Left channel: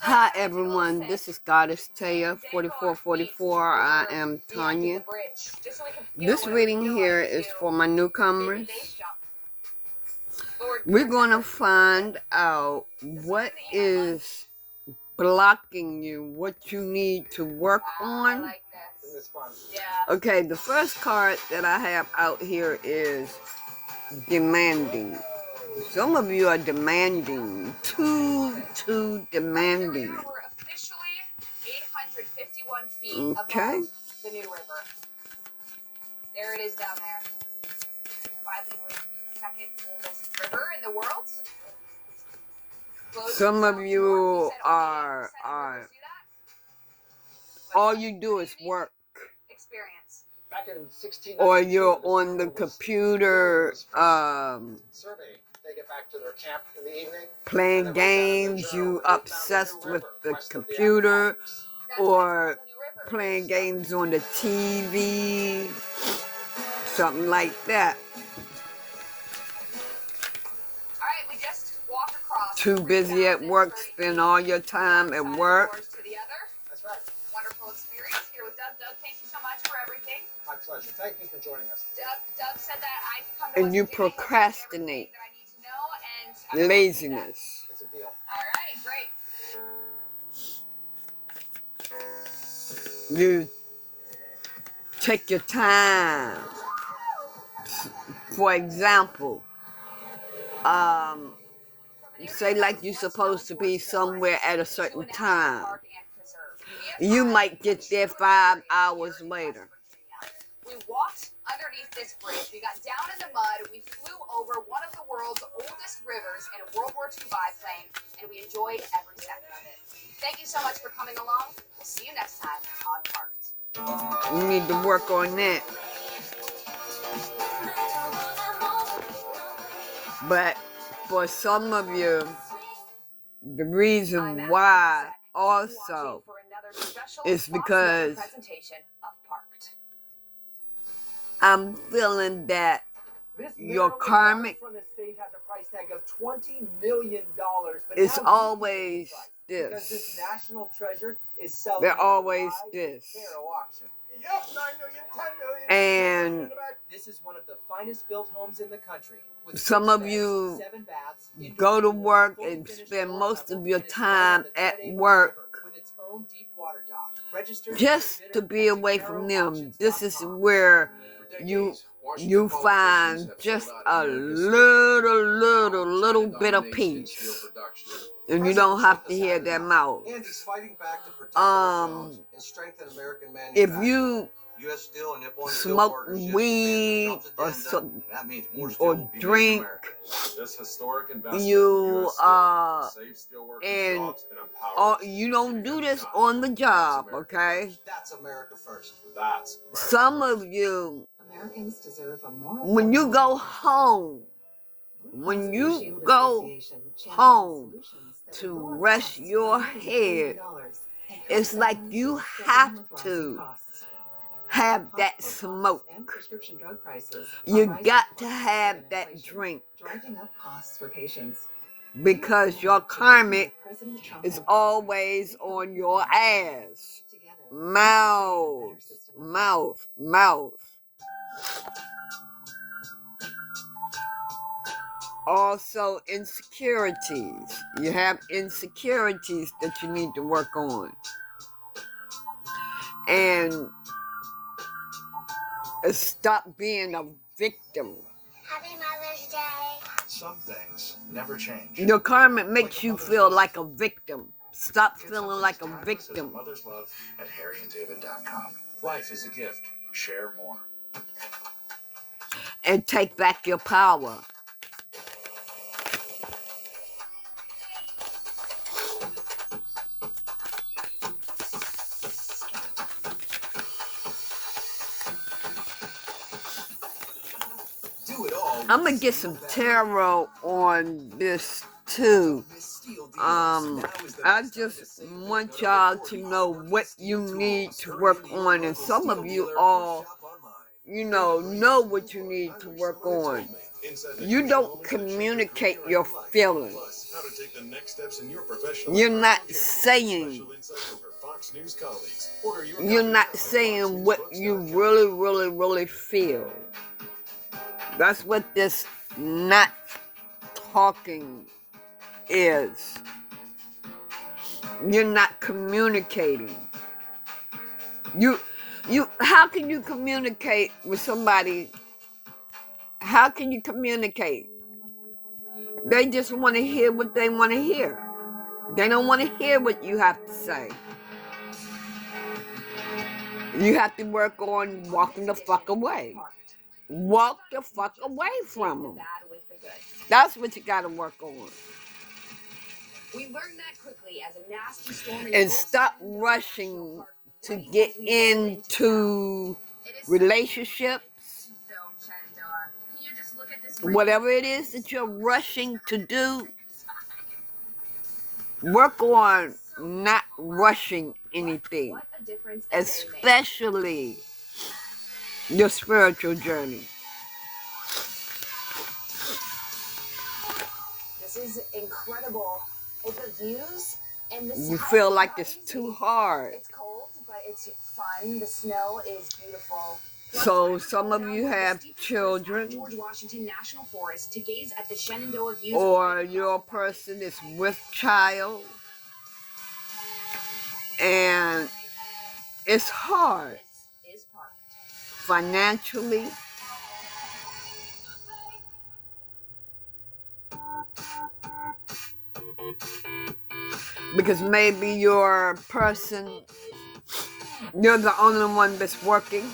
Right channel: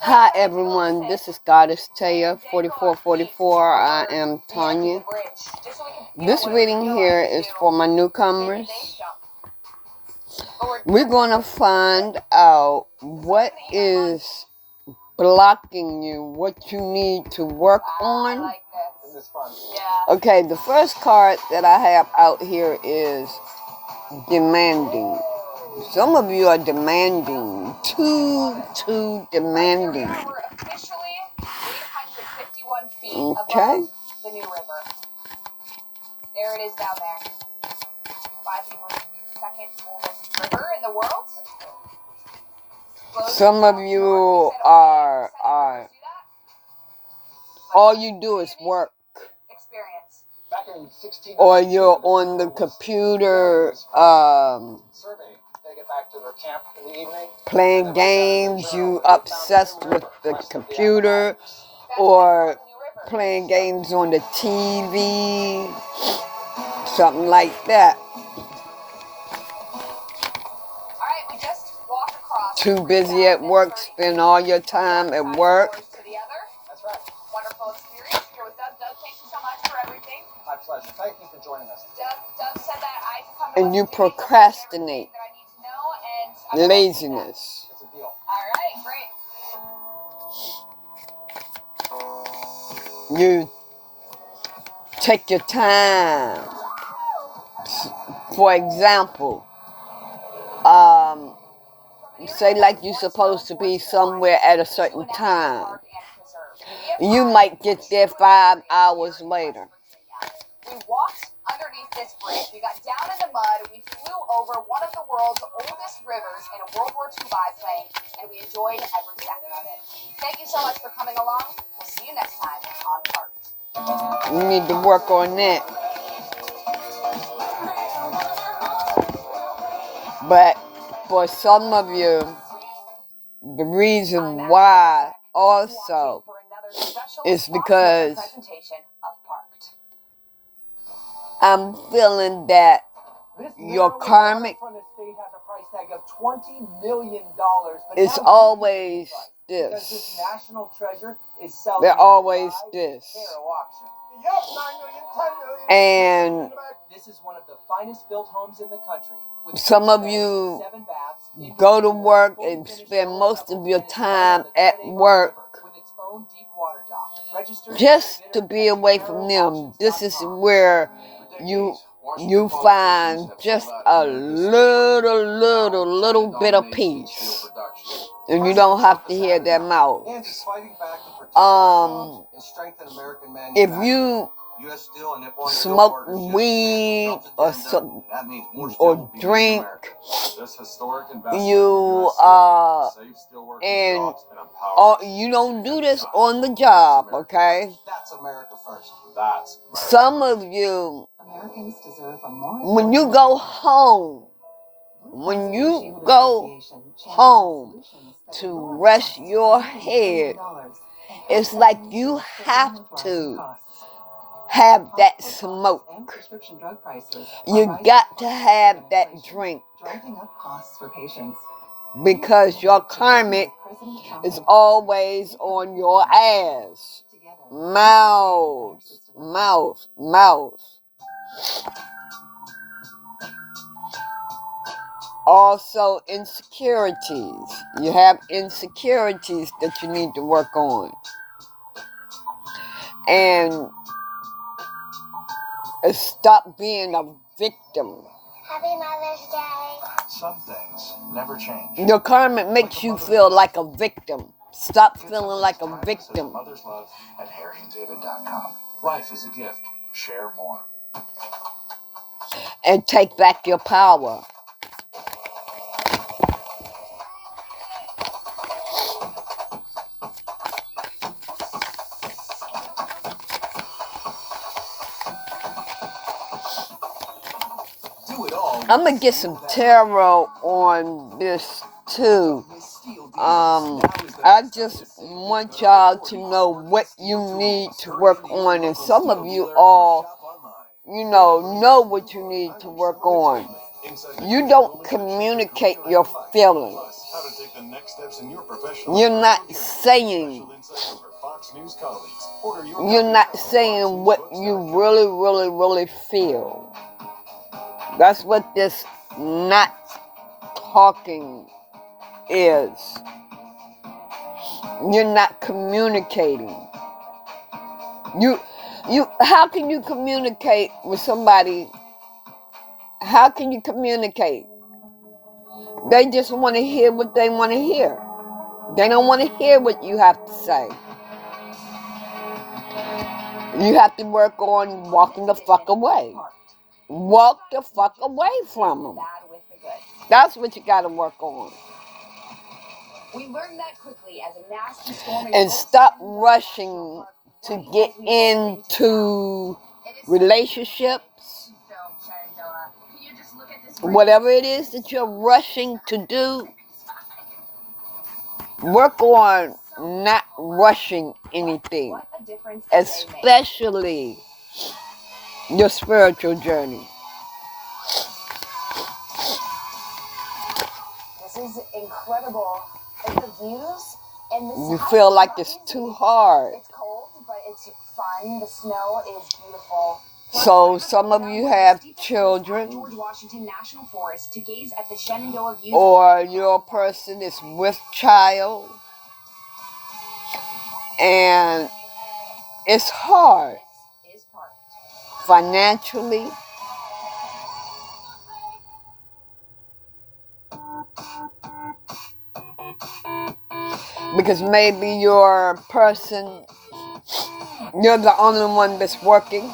Hi everyone, this is Goddess Taya 4444. I am Tanya. This reading here is for my newcomers. We're going to find out what is blocking you, what you need to work on. Okay, the first card that I have out here is demanding. Some of you are demanding, too demanding. We're officially 851 feet Okay. above the New River. There it is down there. Widely believed the second oldest river in the world. Some of you are all you do is work. Experience. Or you're on the computer playing games, you obsessed with the computer, or playing games on the TV, something like that. Alright, we just walk across. Too busy at work, spend all your time at work. That's right. Wonderful experience here with Doug. Doug, thank you so much for everything. My pleasure. Thank you for joining us. Doug said that I can come to And you procrastinate. Laziness. It's a deal. Alright, great. You take your time. For example, say like you're supposed to be somewhere at a certain time. You might get there 5 hours later. We walked underneath this bridge. We got down in the mud. We flew over one of the world's oldest rivers in a World War II biplane, and we enjoyed every second of it. Thank you so much for coming along. We'll see you next time on Parked. You need to work on that. But for some of you, the reason why also is because I'm feeling that your karmic is always this. They're always this. And this is one of the finest built homes in the country. Some of you go to work and spend most of your time at work just to be away from them. This is where you find just a little bit of peace, and you don't have to hear their mouth. If you smoke weed or drink, you and you don't do this on the job, okay? That's America first. Some of you, when you go home to rest your head, it's like you have to have that smoke. You got to have that drink. Because your karmic is always on your ass. Mouth. Also, insecurities. You have insecurities that you need to work on. And stop being a victim. Happy Mother's Day. Some things never change. Your karma makes you feel like a victim. Stop feeling like a victim. Mother's Love at harryanddavid.com. Life is a gift. Share more. And take back your power. I'm going to get some tarot on this too. I just want y'all to know what you need to work on. And some of you all, know what you need to work on. You don't communicate your feelings. You're not saying what you really feel. That's what this not talking is. You're not communicating. How can you communicate with somebody? How can you communicate? They just want to hear what they want to hear. They don't want to hear what you have to say. You have to work on walking the fuck away. Walk the fuck away from them. That's what you got to work on. We learned that quickly as a nasty storm and stop rushing to get into relationships. Whatever it is that you're rushing to do, work on not rushing anything, especially your spiritual journey. This is incredible. And the views and the You feel like it's too hard. It's cold, but it's fun. The snow is beautiful. So some of you have children, George Washington National Forest to gaze at the Shenandoah views. or your person is with child, and it's hard financially. Because maybe your person, you're the only one that's working,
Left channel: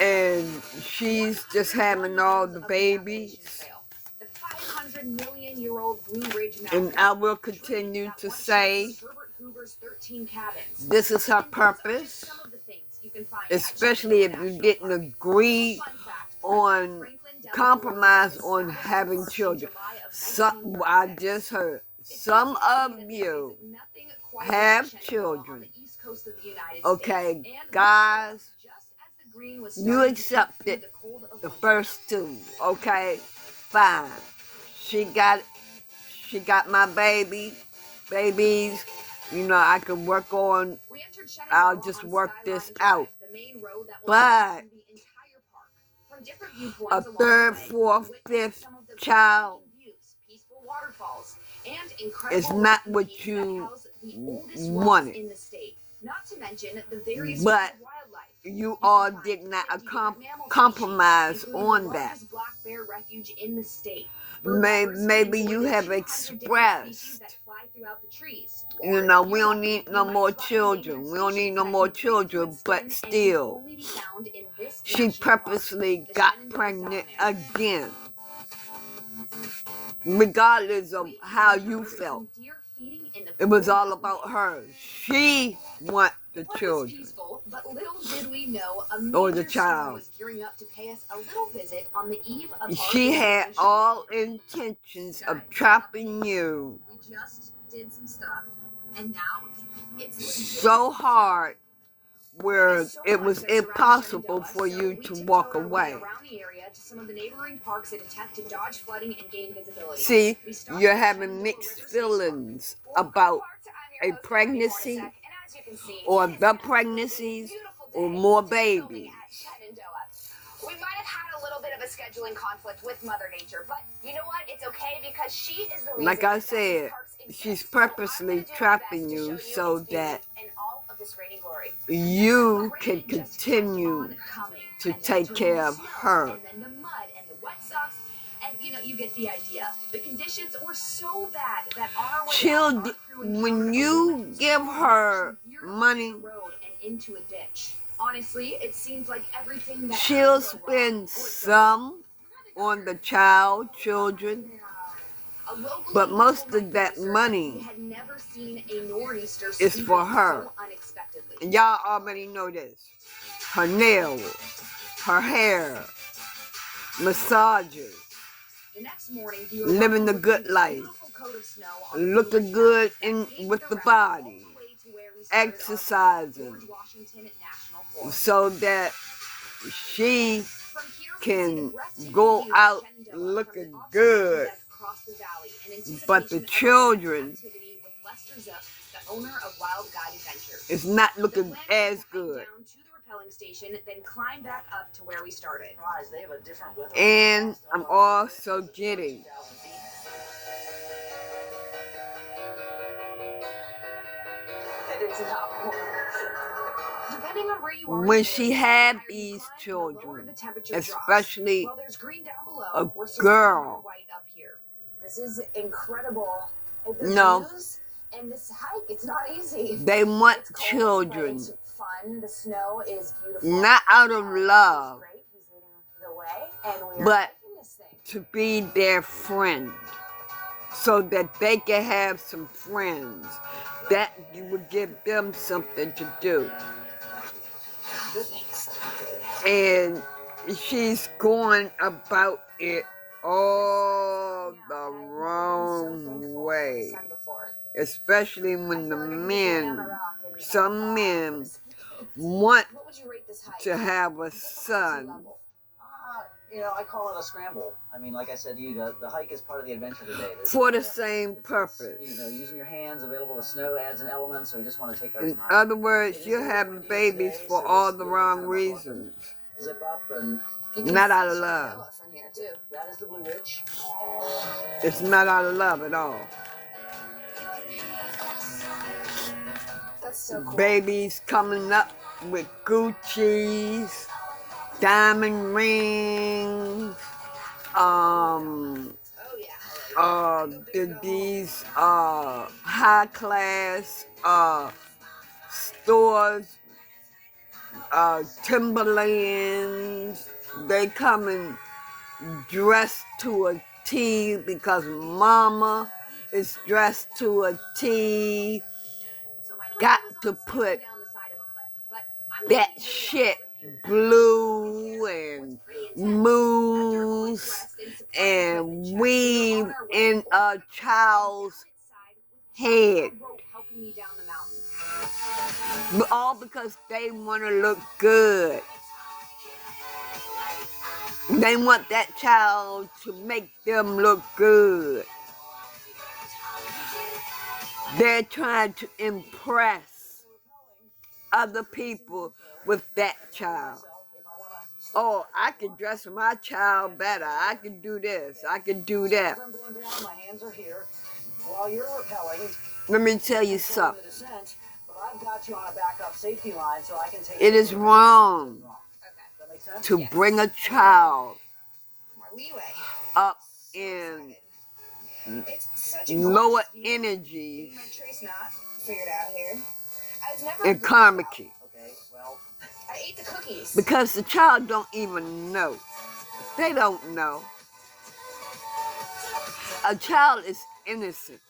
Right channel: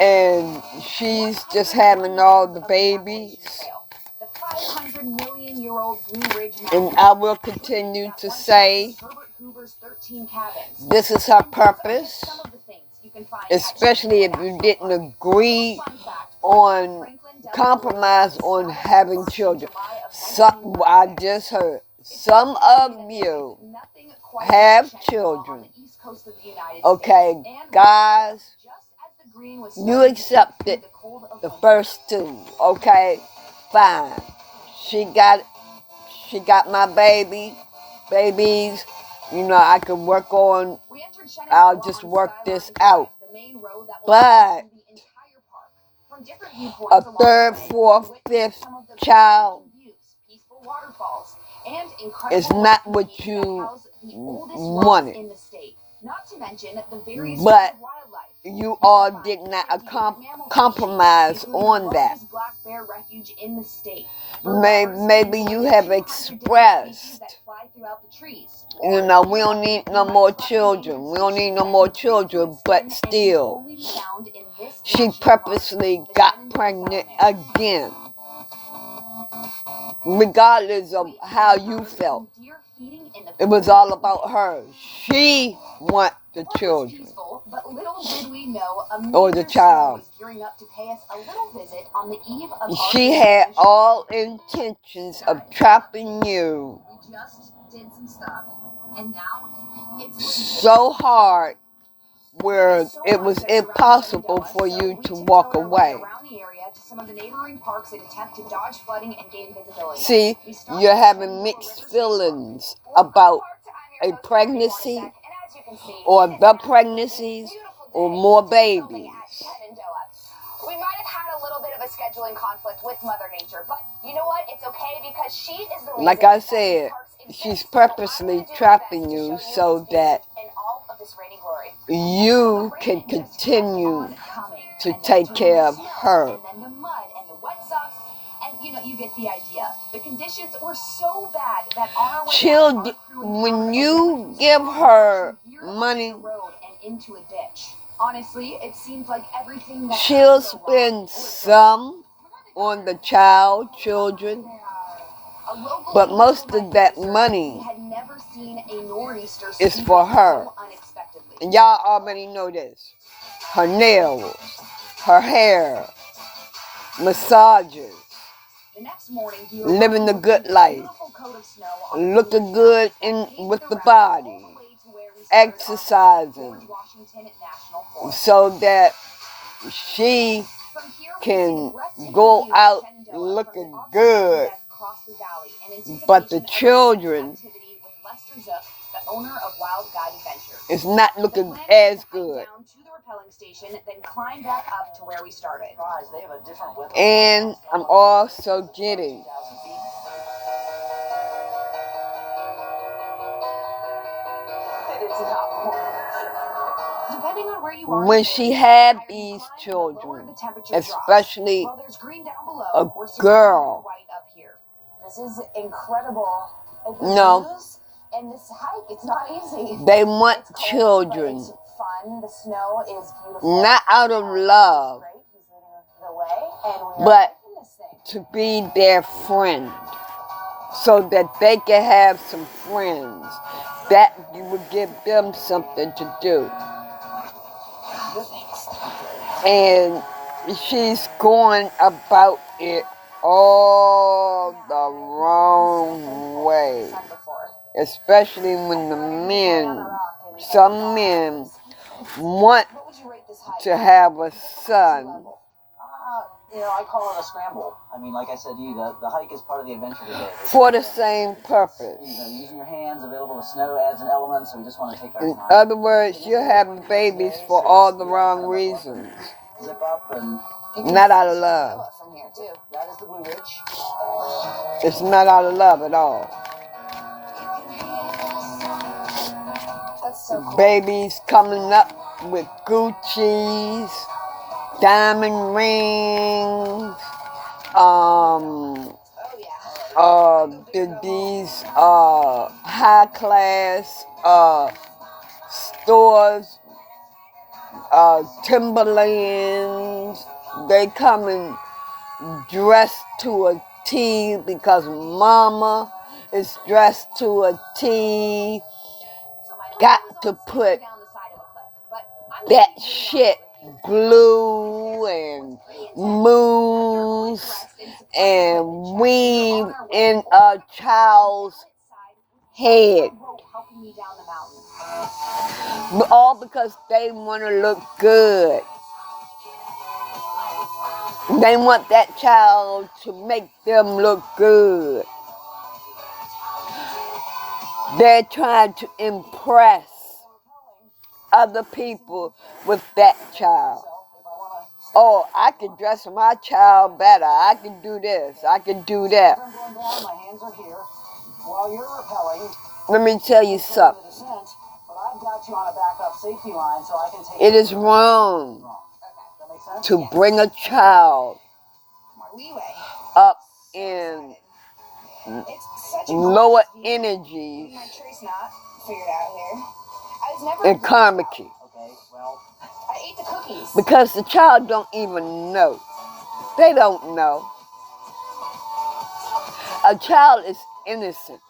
and she's just having all the babies. The 500-million-year-old Blue Ridge And I will continue to say, this is her purpose, especially if you didn't agree on compromise on having children. I just heard some of you have children. Okay, guys, you accepted the first two. Okay, fine. She got my babies. You know, I can work on. I'll just work this out. But a third, fourth, fifth child is not what you wanted. But you all did not compromise on that. Maybe you have expressed, you know, we don't need no more children. We don't need no more children, but still, she purposely got pregnant again. Regardless of how you felt, it was all about her. She want the children, or the child. She had all intentions of trapping you so hard where it was impossible for you to walk away. See, you're having mixed feelings about a pregnancy, or the pregnancies, or more babies. We might have had a little bit of a scheduling conflict with Mother Nature, but you know what? It's okay because she is the reason. Like I said, she's purposely trapping you so that you can continue to take care of her. And then the mud and the wet socks, and you know, you get the idea. The conditions were so bad that on our way when you give her money, into a ditch. Honestly, it seems like everything that she'll spend some on the children, but most of that money is for her. And y'all already know this. Her nails, her hair, massages, living the good life, looking good with the body, exercising, so that she can go out looking good, but the children is not looking as good. And I'm also getting Depending on where you are, when she had these children, especially a girl. This is incredible. No. And this hike, it's not easy. They want It's cold, children, but it's fun. The snow is beautiful. not out of love, He's great. He's leading the way, and we are but hiking this thing. to be their friend, so that they can have some friends. That would give them something to do. And she's going about it all the wrong way. Especially when the men, some men, want to have a son. I call it a scramble. I mean, like I said to you, the hike is part of the adventure today. For the same purpose. Using your hands, available the snow adds an element, so we just want to take our In time. other words, you're having babies for all the wrong reasons. Zip up and... Not out of love. From here too. That is the Blue Ridge. It's not out of love at all. That's so cool. Babies coming up with Gucci's, diamond rings, Oh yeah. these high class stores, Timberlands. They coming dressed to a T because mama is dressed to a T. Got to put that shit glue and mousse and weave in a child's head. All because they want to look good. They want that child to make them look good. They're trying to impress other people with that child. Oh, I can dress my child better. I can do this. I can do that. I'm going down, my hands are here. While you're rappelling... Let me tell you something. But I've got you on a backup safety line so I can take... It is wrong That makes sense? to bring a child More leeway. up in It's such a lower cool energies my trace knot figured out here. I was never in karmic. Okay, well... I ate the cookies. Because the child don't even know. They don't know. A child is innocent.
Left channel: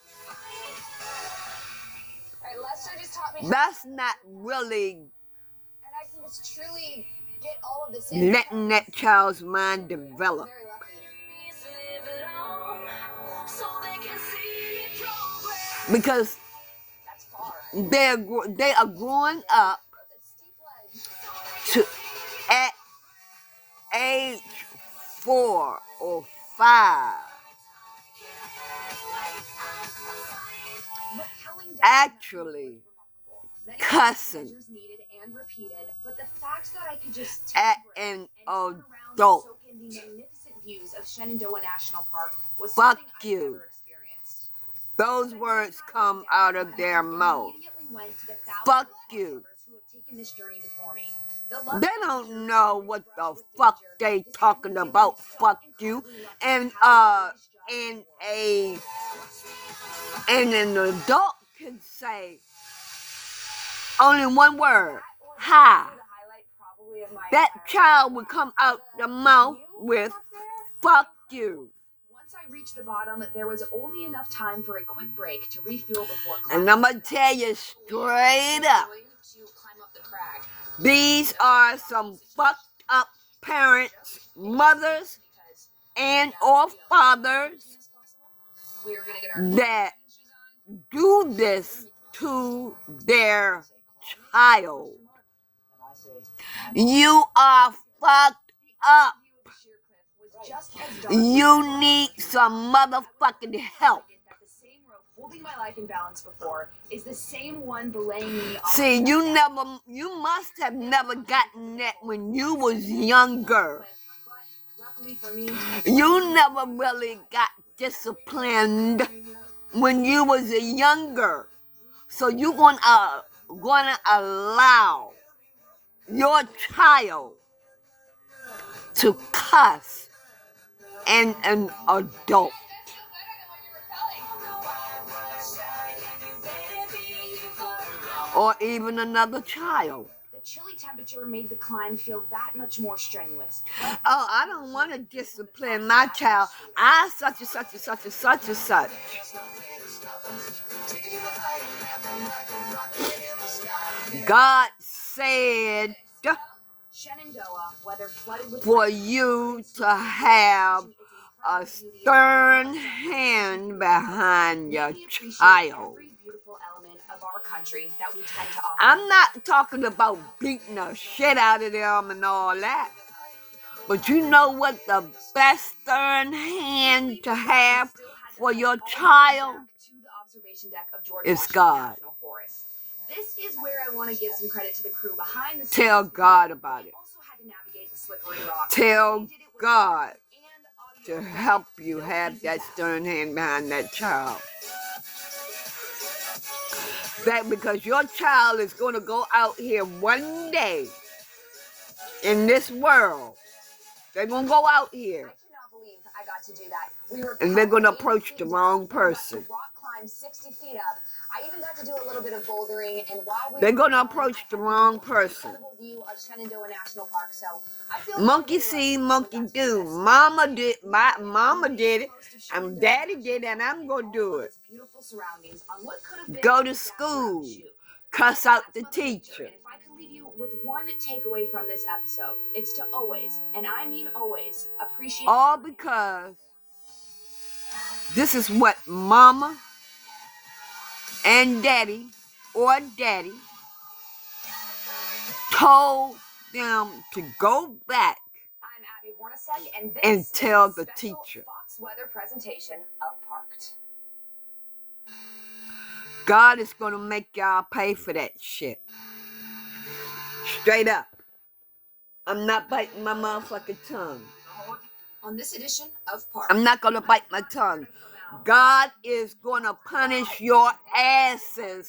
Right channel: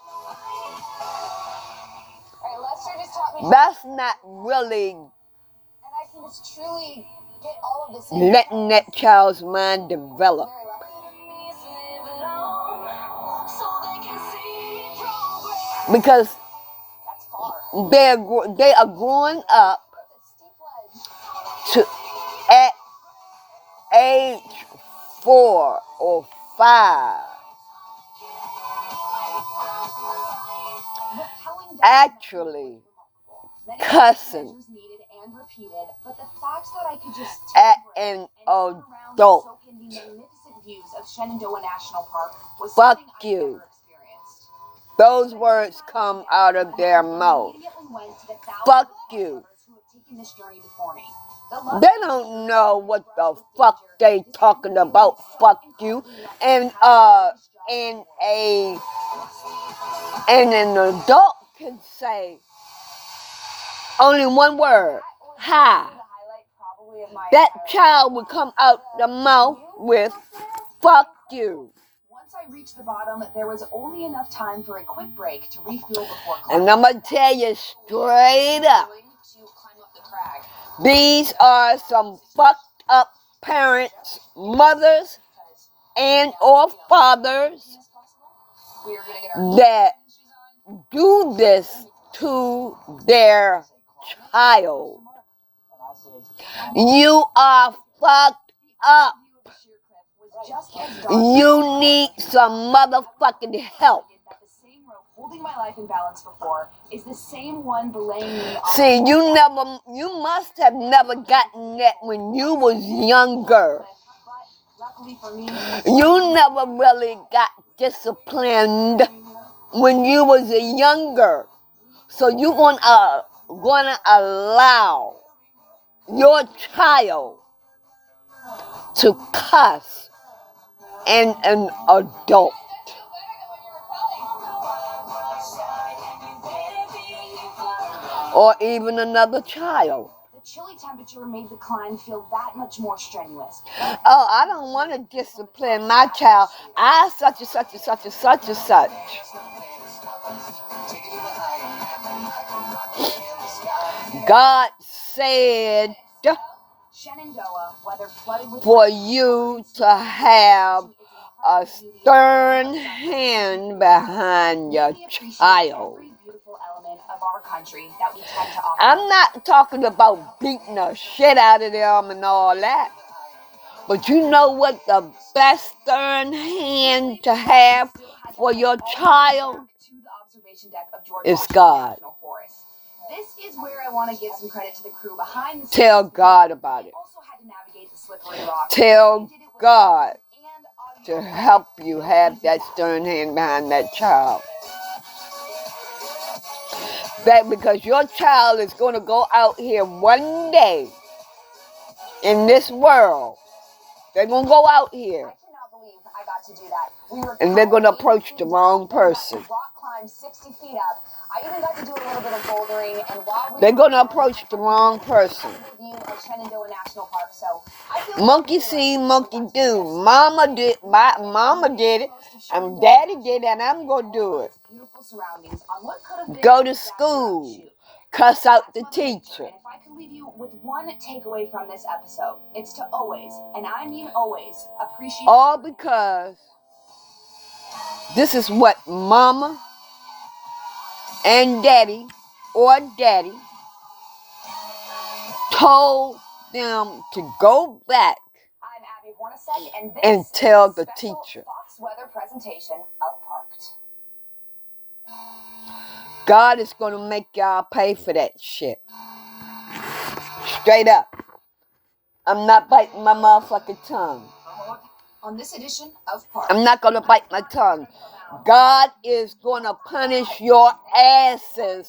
Alright, Lester just taught me. That's not really And I can just truly get all of this in. letting that child's mind develop. Very lucky. Because That's far. they are growing up It's a steep ledge. to at age 4 or 5. Rappelling down Actually, Many cussing measures needed and repeated, but the fact that I could just at take a break an and turn around adult. and soak in the magnificent views of Shenandoah National Park was Fuck something you. I never experienced. Those words come out of their mouth. Immediately went to the thousands Fuck of you. others who have taken this journey before me. The They don't know what the fuck they talking about. Fuck you. And an adult can say only one word. Hi. That child would come out the mouth with fuck you. Once I reached the bottom, there was only enough time for a quick break to refuel before And I'm gonna tell you straight up, to climb up the crag. these are some fucked up parents, mothers, and or fathers We are gonna get our that do this to their child. You are fucked up. just as daunting. You need some motherfucking help. That the same rope holding my life in balance before is the same one belaying me on See, the you must have never gotten that when you was younger. But luckily for me, You never really got disciplined when you was younger. So you gonna allow your child to cuss and an adult. Or even another child. the chilly temperature made the climb feel that much more strenuous. Oh, I don't want to discipline my child. I such and such and such and such and such. God said Shenandoah, whether flooded with for you to have a stern hand behind your child. every beautiful element of our country that we tend to offer. I'm not talking about beating the shit out of them and all that. But you know what the best stern hand to have for your child To the observation deck of George is Washington God. National Forest. This is where I want to give some credit to the crew behind the scenes. Tell God about They it. also had to navigate the slippery rocks. Tell They did it with God and to audio. help you have that stern hand behind that child. That because your child is going to go out here one day in this world. They're going to go out here I cannot believe I got to do that. We were and they're going to powered approach 80 the feet wrong down, then got to person. rock climb 60 feet up. I even got to do a little bit of bouldering, and while we They're were going to down, approach the wrong I person. had a view of Shenandoah National Park, so I feel Monkey really see, lucky monkey we got to do. this. Mama did, my mama did it, and daddy did it, and I'm going to do it. Beautiful surroundings on what could have been Go a to disaster school. shoot. Cuss out the That's Mother Nature, teacher. and if I could leave you with one takeaway from this episode, it's to always, and I mean always, appreciate All because this is what mama and daddy or daddy told them to go back I'm Abby Hornacek, and this and tell is the a special teacher. Fox Weather presentation of Parked. God is going to make y'all pay for that shit. Straight up. I'm not biting my motherfucking tongue. On this edition of Parked. I'm not going to bite my tongue. God is going to punish your asses.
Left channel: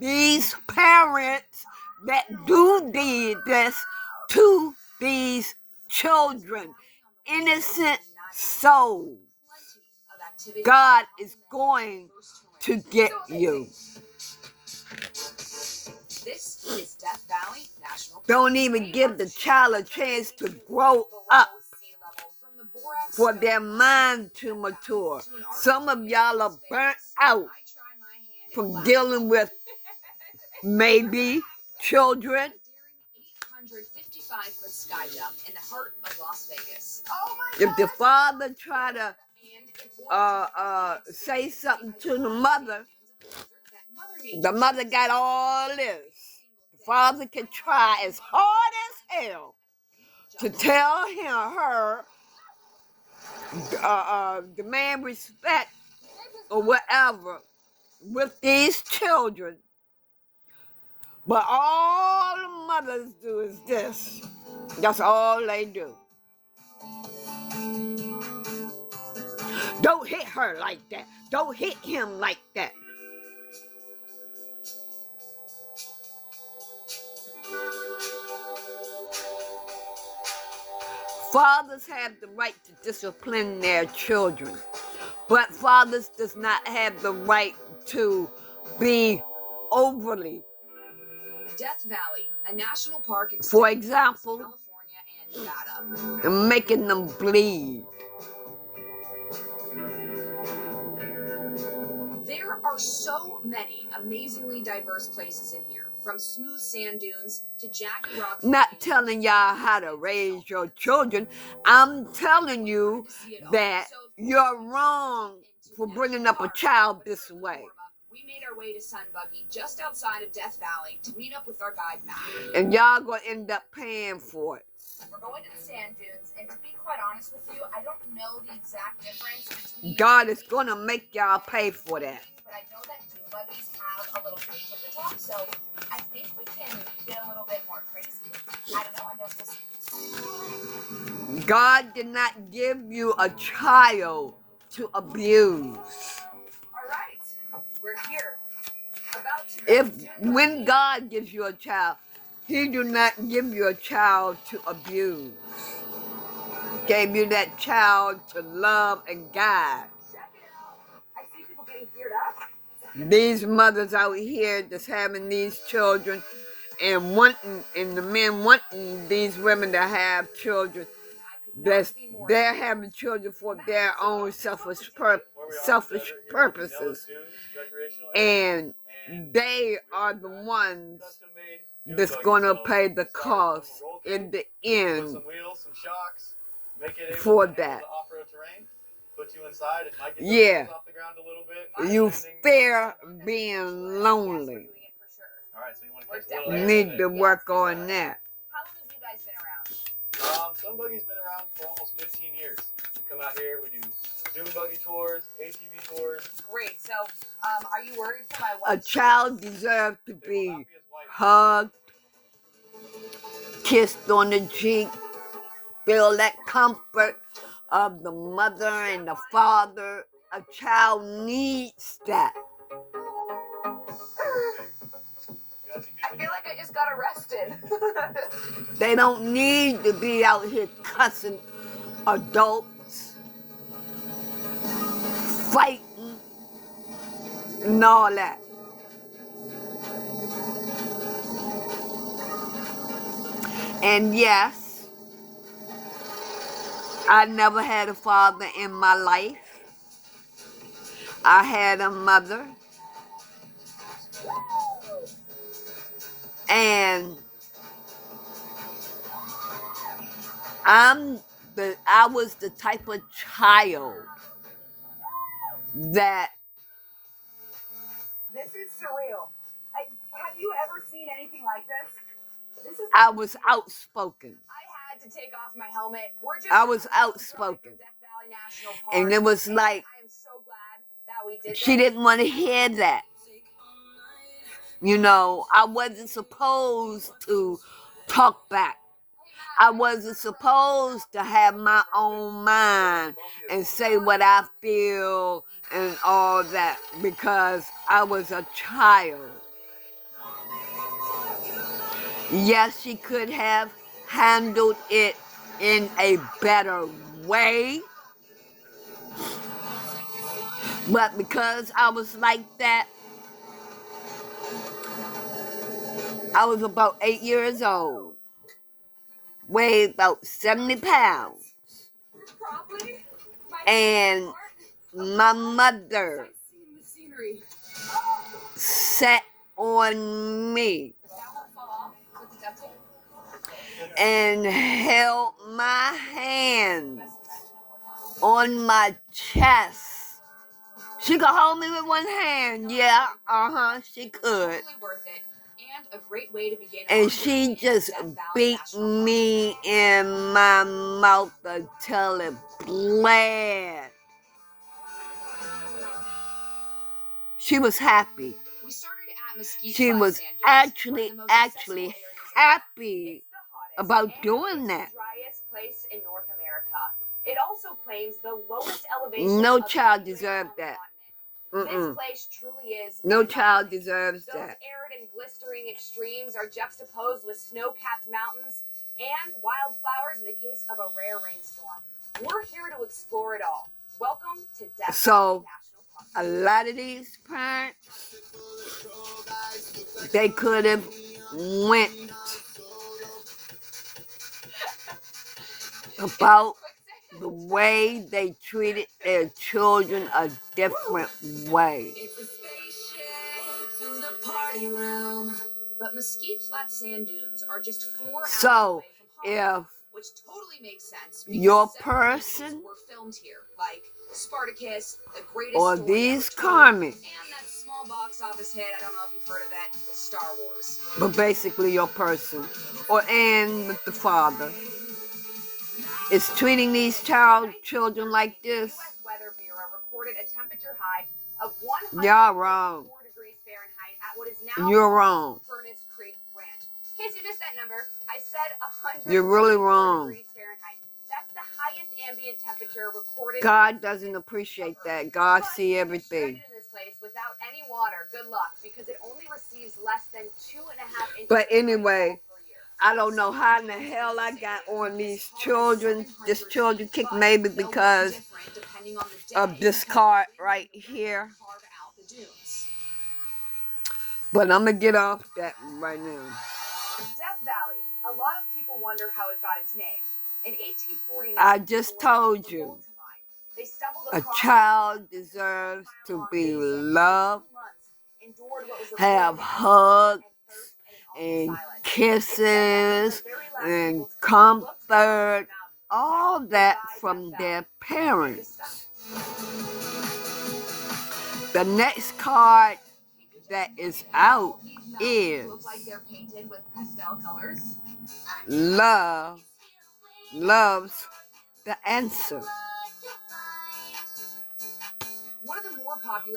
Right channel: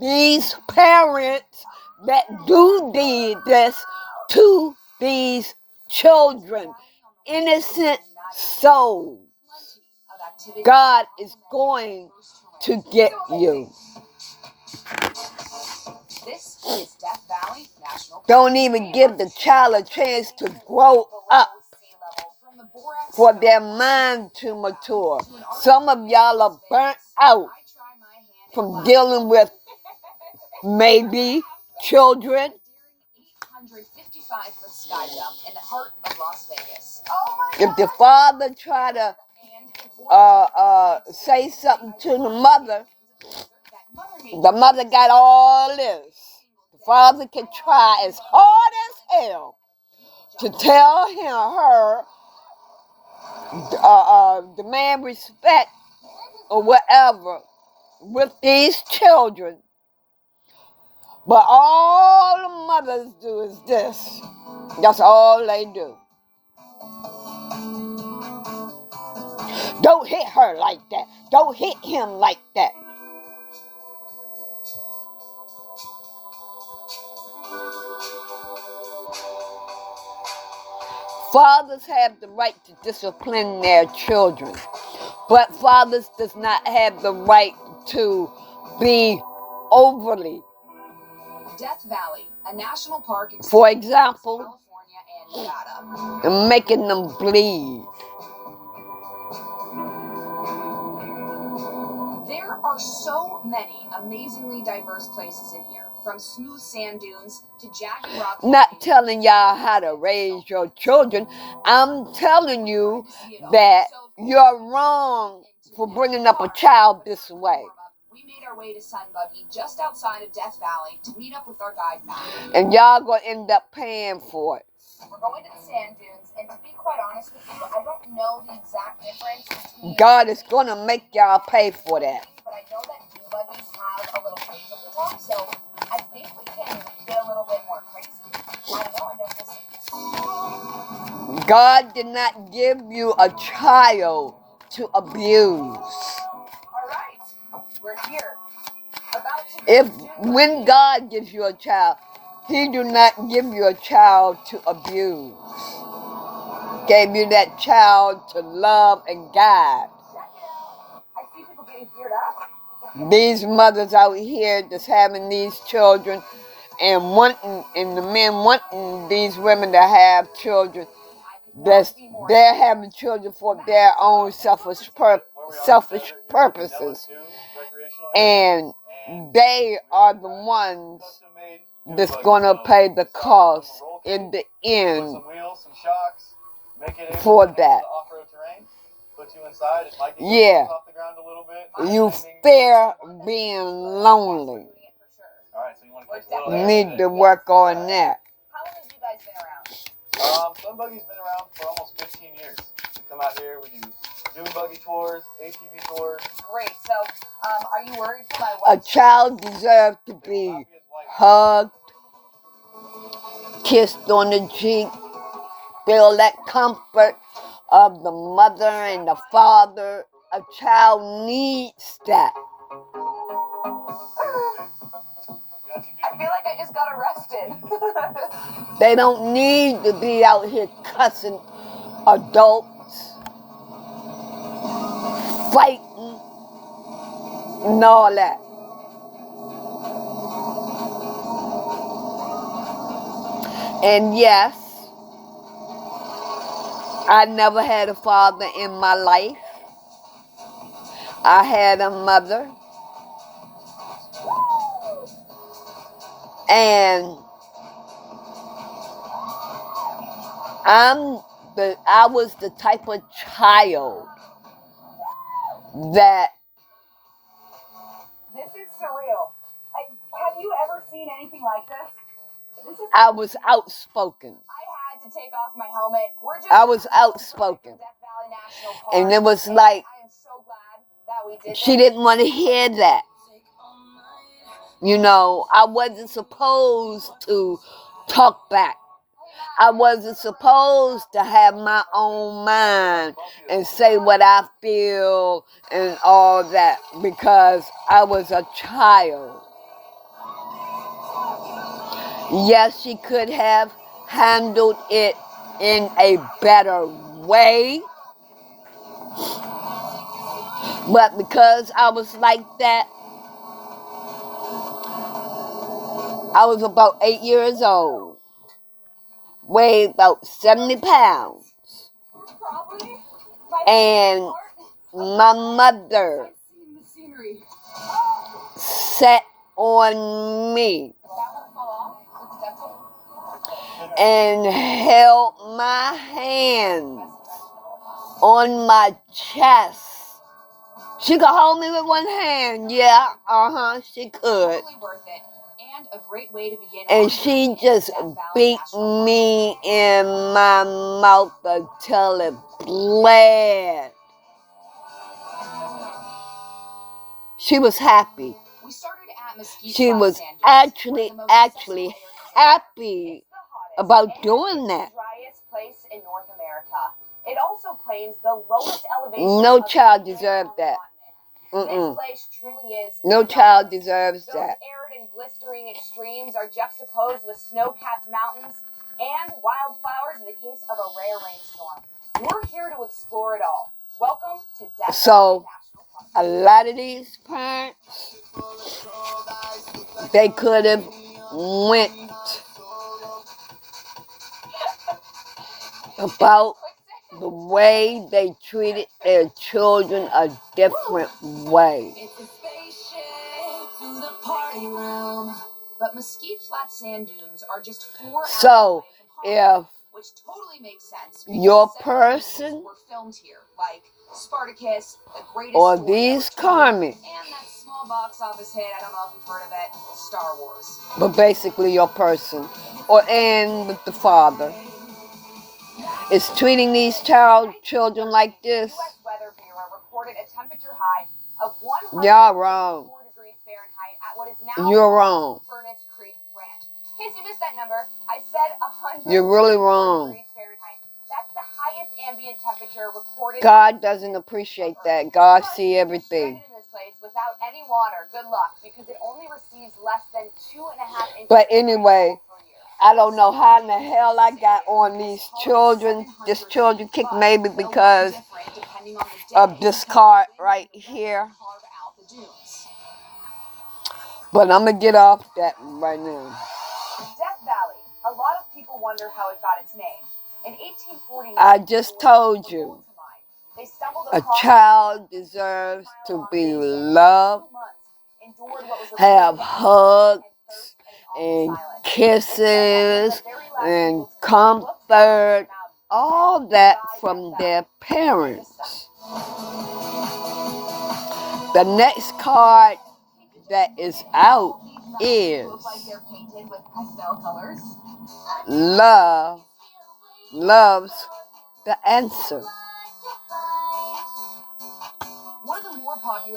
These parents that do this to these children. Innocent souls. God is going to get you. This is Death Valley National Park. Don't even give the child a chance to grow up for their mind to mature. Some of y'all are burnt out from dealing with maybe children. 855-foot sky jump in the heart of Las Vegas. If the father try to say something to the mother got all this. The father can try as hard as hell to tell her, demand respect or whatever with these children. But all the mothers do is this. That's all they do. Don't hit her like that. Don't hit him like that. Fathers have the right to discipline their children, but fathers does not have the right to be overly. Death Valley, a national park For example, California and Nevada. making them bleed. There are so many amazingly diverse places in here, from smooth sand dunes to jagged rock. Not telling y'all how to raise your children. I'm telling you that you're wrong for bringing up a child this way. We made our way to Sun Buggy just outside of Death Valley to meet up with our guide, Matt. And y'all gonna end up paying for it. We're going to the sand dunes, and to be quite honest with you, I don't know the exact difference between... God is going to make y'all pay for that. But I know that dune buggies have a little cage at the top, so I think we can get a little bit more crazy. I don't know, I guess we'll see. God did not give you a child to abuse. All right, we're here. About to If when God gives you a child, He do not give you a child to abuse. Gave you that child to love and guide. check it out. I see people getting geared up. These mothers out here just having these children and the men wanting these women to have children. They're having children for their own selfish purposes. And they are the ones that's going to pay the cost in the end for that. Yeah, you fear being lonely. Need to work on that. How long have you guys been around? Sun Buggy's been around for almost 15 years. We come out here, we do dune buggy tours, ATV tours. Great. So, are you worried for my A wife? child deserves to be hugged, kissed on the cheek, feel that comfort of the mother and the father. A child needs that. I feel like I just got arrested. They don't need to be out here cussing adults, fighting, and all that. And yes, I never had a father in my life. I had a mother. And I was the type of child that... This is surreal. Have you ever seen anything like this? I was outspoken. I had to take off my helmet. I was outspoken. Death Valley National Park. And it was like, I am so glad that we did she didn't want to hear that. You know, I wasn't supposed to talk back. I wasn't supposed to have my own mind and say what I feel and all that because I was a child. Yes, she could have handled it in a better way. But because I was like that, I was about 8 years old, weighed about 70 pounds, and my mother sat on me and held my hands on my chest. She could hold me with one hand, yeah, she could. Totally worth it. And a great way to begin. And she just beat me in my mouth until it bled. She was happy. We started at Mesquite She Flat was Sand Dunes, actually one of the most accessible areas happy It's the hottest about and doing that. the driest place in North America. It also claims the lowest elevation. No of child anywhere deserved on the that. continent. This place truly is. No child phenomenal. deserves Those that. arid and blistering extremes are juxtaposed with snow-capped mountains and wildflowers in the case of a rare rainstorm. We're here to explore it all. Welcome to Death So, Valley National Park. A lot of these parents, they could have went about the way they treated their children a different way. But Mesquite Flat Sand Dunes are just 4 hours So, away from Hollywood, if which totally makes sense. your because several movies person were filmed here, like Spartacus, The Greatest or Story these Ever Told, comics, and that small box office hit, I don't know if you've heard of it, Star Wars. but basically your person, and with the father, is treating these children like this. U.S. Weather Bureau reported a temperature high of Y'all wrong. 104 degrees Fahrenheit at what is now You're wrong. Furnace Creek Ranch. In case you missed that number, I said 100 You're really wrong. degrees Fahrenheit. That's the highest ambient temperature recorded. God doesn't appreciate that. God see everything. In this place without any water, good luck, because it only receives less than 2.5 inches. But anyway, I don't know how in the hell I got on these children. This children kick maybe because of this card right here. But I'm going to get off that right now. Death Valley. A lot of people wonder how it got its name. In 1849, I just told you, a child deserves to be loved, have hugs and kisses and comfort, all that from their parents. The next card that is out is love loves the answer.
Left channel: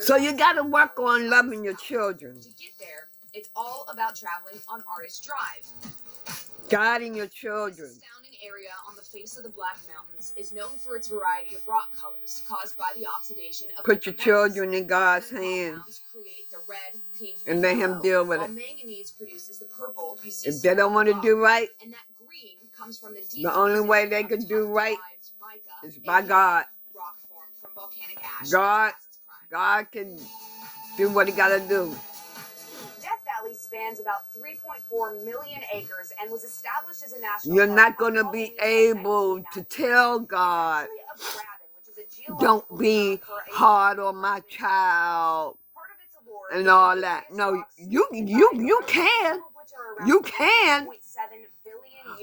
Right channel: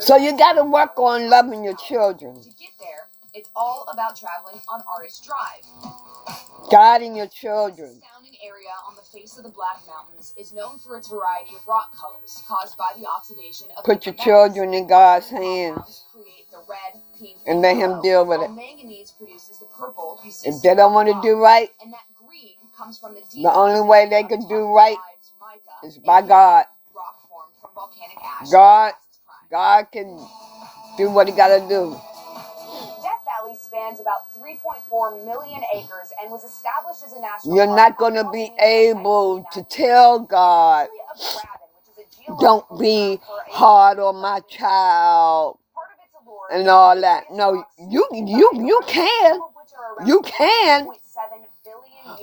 So you got to work on loving your children. To get there, it's all about traveling on Artist Drive. Guiding your children. This astounding area on the face of the Black Mountains is known for its variety of rock colors caused by the oxidation of Put your children in God's hands create the red, pink, and let Him deal with it. Manganese produces the purple you see. If they don't want to do right, and that green comes from the only way they can do right is by God. Rock formed from volcanic ash. God can do what He got to do. Death Valley spans about 3.4 million acres and was established as a national You're park not going to be able to tell God, don't be hard on my child and all that. No, you can. You can.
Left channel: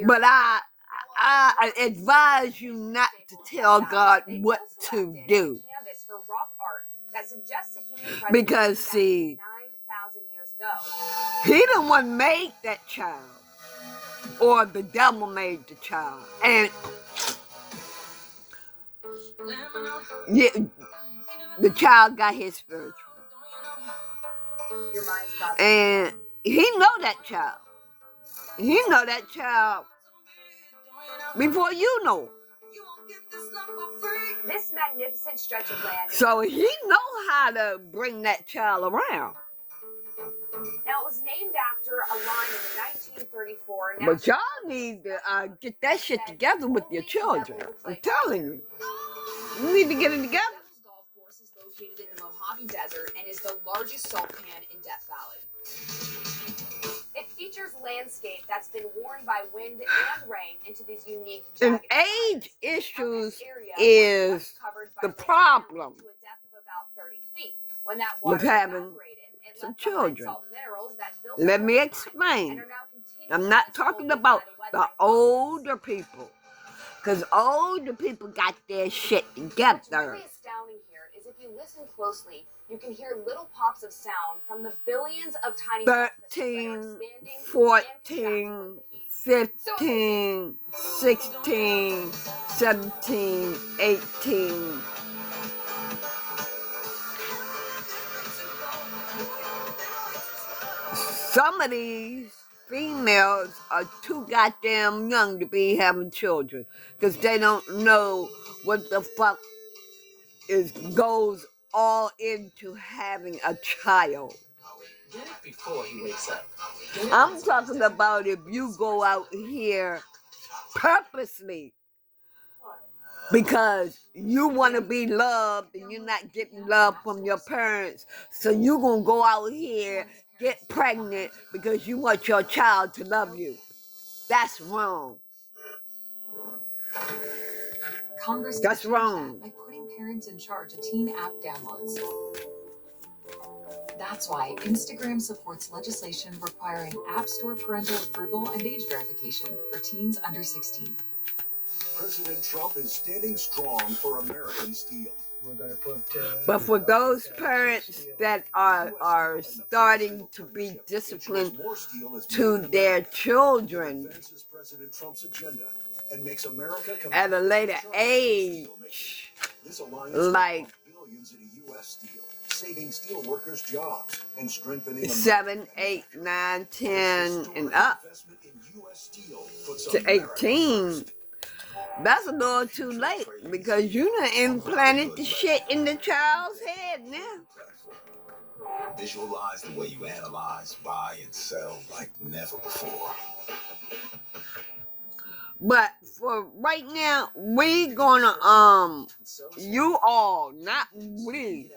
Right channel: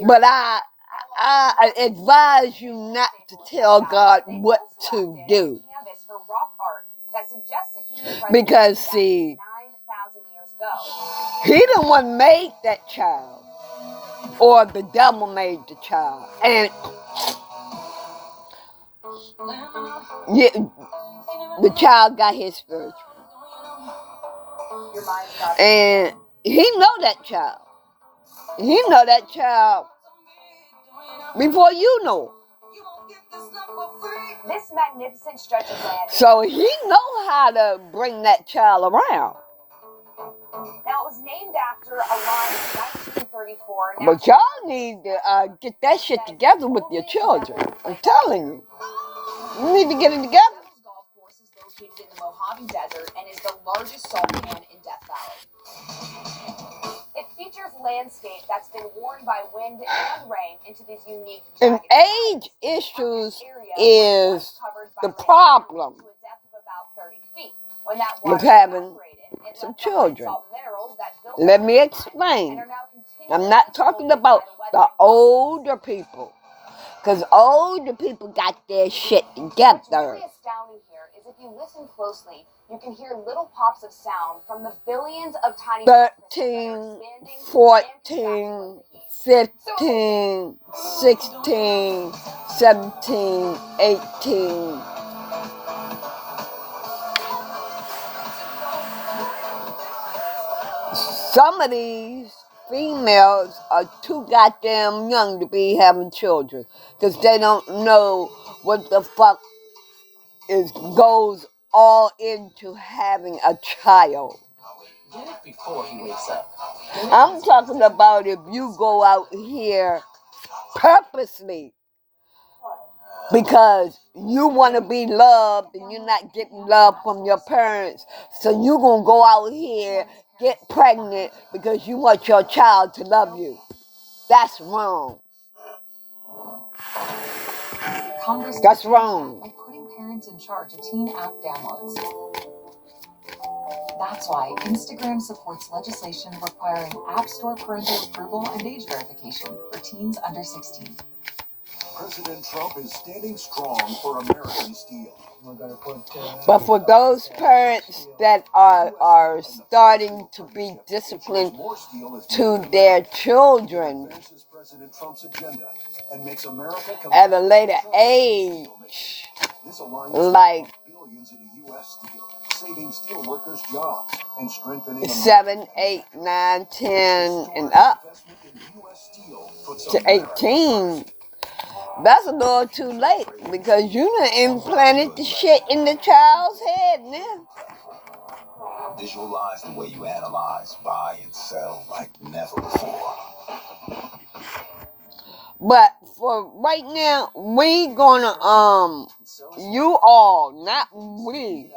But I advise you not to tell God what to do. Because, see, He the one made that child. Or the devil made the child. And yeah, the child got his spiritual. And He know that child. He know that child before you know. This magnificent stretch of land. So He know how to bring that child around. Now, it was named after a line in 1934. But y'all need to get that shit together with your children. I'm telling you. You need to get it together. Golf course is located in the Mojave Desert and is the largest salt pan in Death Valley. It features landscape that's been worn by wind and rain into these unique. And age issues is the problem with having some children. Let me explain. I'm not talking about the older people, because older people got their shit together. What's really astounding here is if you listen closely, you can hear little pops of sound from the billions of tiny 13, 14, 15, 16, 17, 18. Some of these females are too goddamn young to be having children because they don't know what the fuck goes all into having a child. Get it before he wakes up. I'm talking about if you go out here purposely because you want to be loved and you're not getting love from your parents, so you're going to go out here, get pregnant because you want your child to love you. That's wrong. Congress That's wrong. By putting parents in charge of teen app downloads. That's why Instagram supports legislation requiring App Store parental approval and age verification for teens under 16. President Trump is standing strong for American steel. But for those parents that are starting to be disciplined to their children, and makes America at a later age, This alliance like billions in U.S. steel, saving steel workers' jobs and strengthening 7, 8, 9, 10, and up to 18. That's a little too late because you done implanted the shit in the child's head now. Visualize the way you analyze, buy, and sell like never before. But for right now, we gonna you all, not we,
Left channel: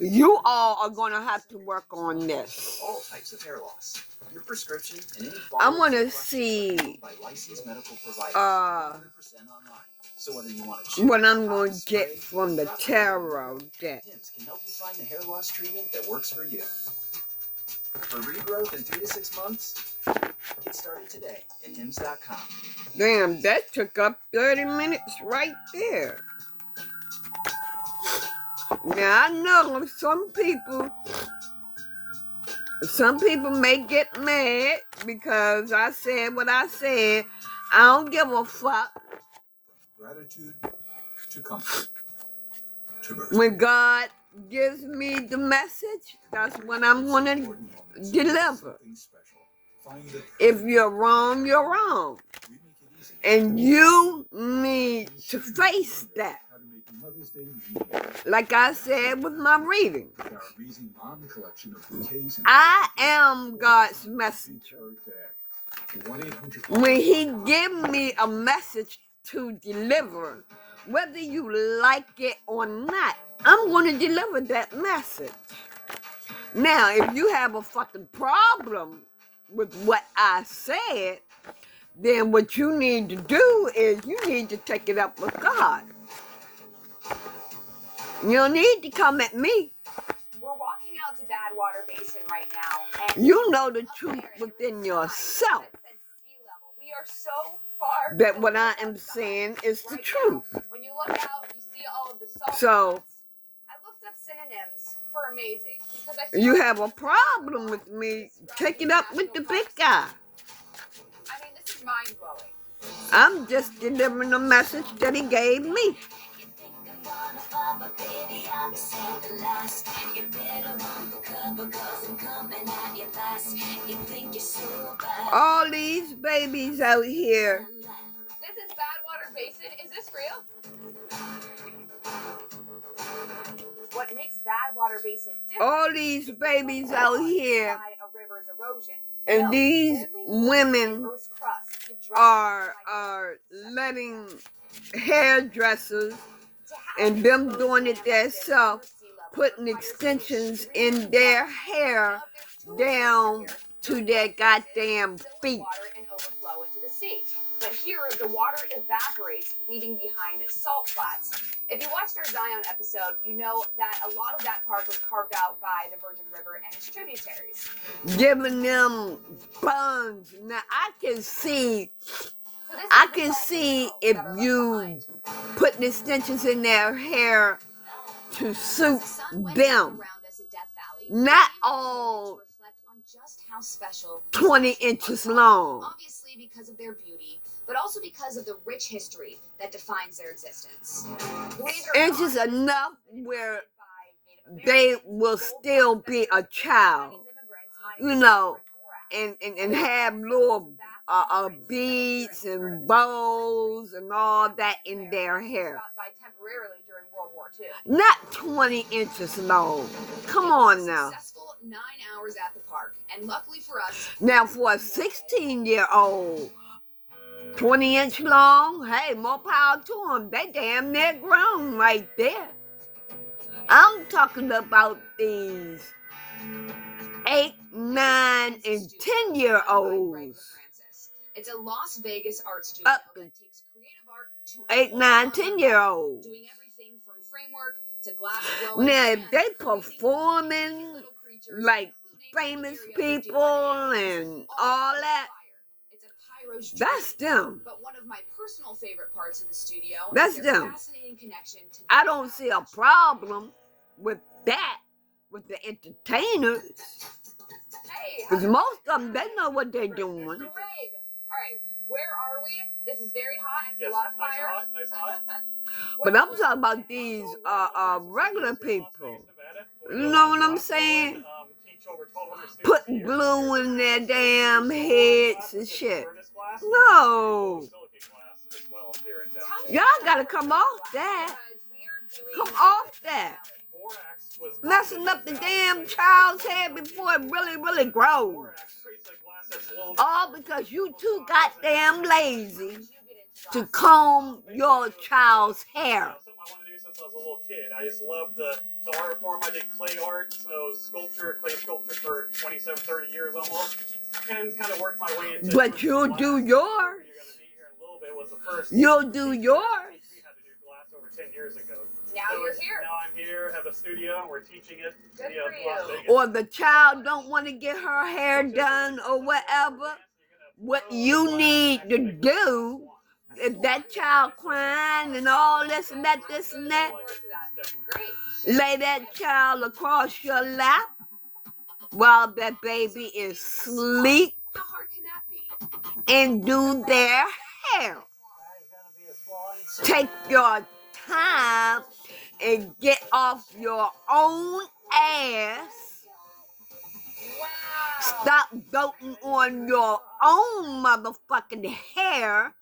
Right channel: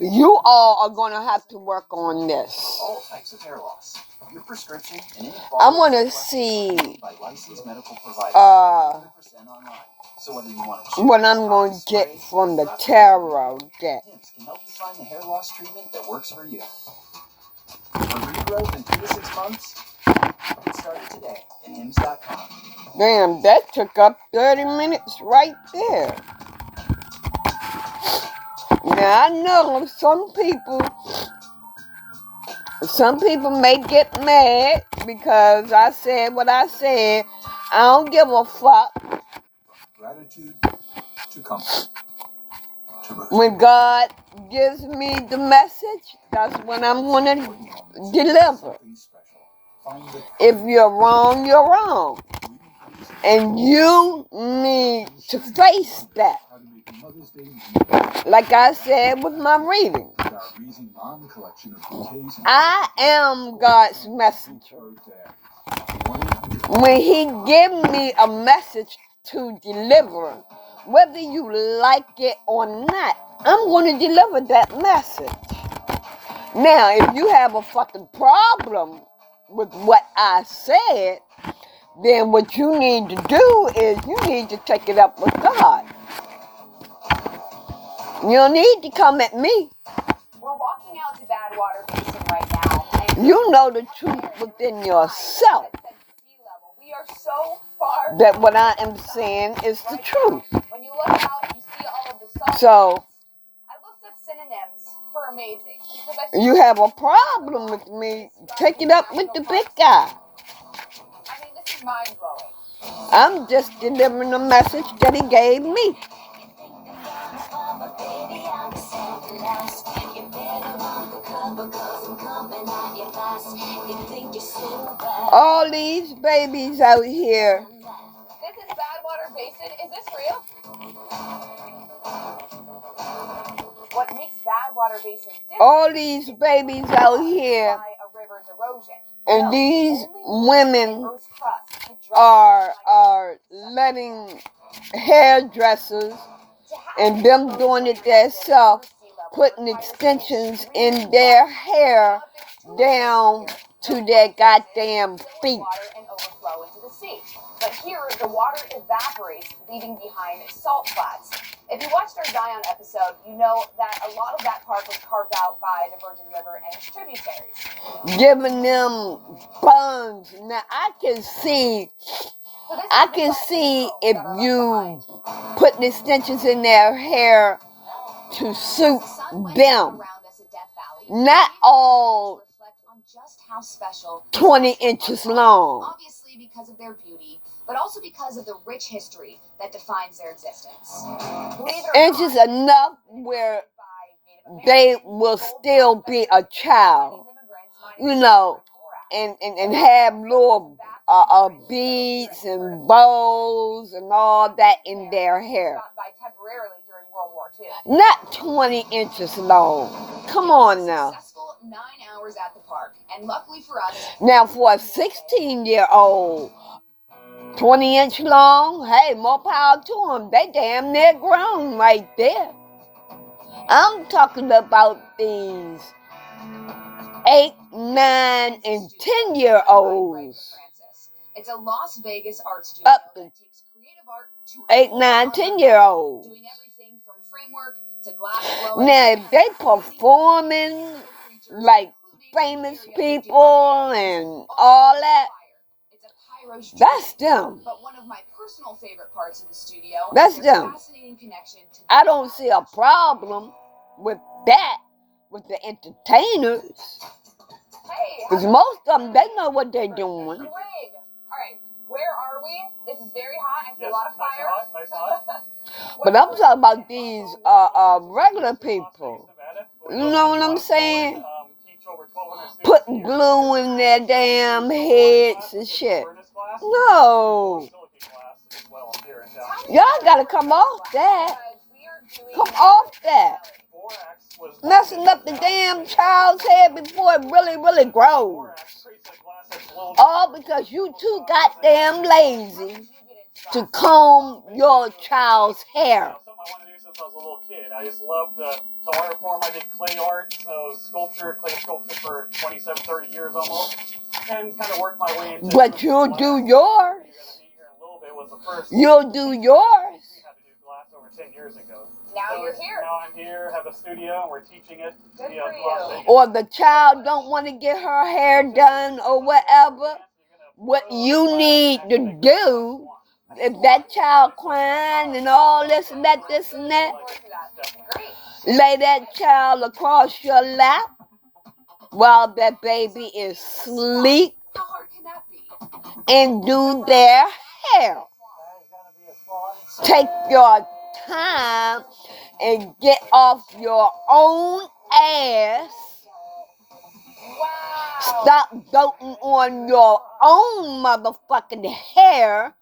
you all are gonna have to work on this. All types of hair loss. Your prescription and any I wanna see by licensed medical providers. 100% online. So whether you want to what I'm gonna get from the tarot deck. Hims can help you find the hair loss treatment that works for you. For regrowth in 3 to 6 months, get started today at Hims.com. Damn, that took up 30 minutes right there. Now I know some people may get mad because I said what I said. I don't give a fuck. Gratitude to comfort to birth. When God gives me the message, that's when I'm gonna deliver. If you're wrong, you're wrong. And you need to face that. Like I said with my reading, I am God's messenger. When He gives me a message to deliver, whether you like it or not, I'm going to deliver that message. Now, if you have a fucking problem with what I said, then what you need to do is you need to take it up with God. You don't need to come at me. We're walking out to Badwater Basin right now. And You know the truth within yourself. We are so far. That what I am saying is the truth. When you look out, you see all of the salt. So, I looked up synonyms for amazing. you have a problem with me, take it up with the big guy. I mean, this is mind-blowing. I'm just delivering a message that He gave me. All these babies out here. This is Badwater Basin. Is this real? What makes Badwater Basin different? All these babies out here. By a river's erosion. And these women are letting hairdressers and them doing it themselves, putting extensions in their hair down to their goddamn feet. And overflow into the sea. But here, the water evaporates, leaving behind salt flats. If you watched our Zion episode, you know that a lot of that park was carved out by the Virgin River and its tributaries. Giving them buns. Now I can see if you putting extensions in their hair to suit them. Not all 20 inches long. Obviously because of their beauty, but also because of the rich history that defines their existence. Inches enough where they will still be a child, you know, and have little beads and bows and all that in their hair. Not 20 inches long. Come on now. 9 hours at the park, and luckily for us. Now for a 16-year-old, 20-inch long, hey, more power to them. They damn near grown right there. I'm talking about these 8, 9, and 10-year-olds. It's a Las Vegas art studio up to that takes creative art to 8, 9, 10-year-olds. Doing everything from framework to glass blowing. Now, if they performing like famous people and all that, that's them. But one of my personal favorite parts of the studio, that's them. Fascinating connection to I don't see a problem with that, with the entertainers. Because most of them, they know what they're doing. All right, where are we? This is very hot. a lot of fire. Nice and hot. But I'm talking about these regular people. You know what I'm saying? Putting glue in their damn heads and shit. No. Y'all gotta come off that. Come off that. Messing up the damn child's head before it really, really grows. All because you too goddamn lazy to comb your child's hair. Something I wanted to do since I was a little kid. I just loved the art form. I did clay art, so clay sculpture for 27, 30 years almost. And kind of worked my way into. But you'll do yours. You'll do yours. We had to do glass over 10 years ago. Now you're here. Now I'm here, have a studio, and we're teaching it. Good for you. Or the child don't want to get her hair done or whatever. What you need to do, if that child crying and all this and that, lay that child across your lap while that baby is asleep How hard can that be? and do their hair. Take your time and get off your own ass. Wow. Stop doting on your own motherfucking hair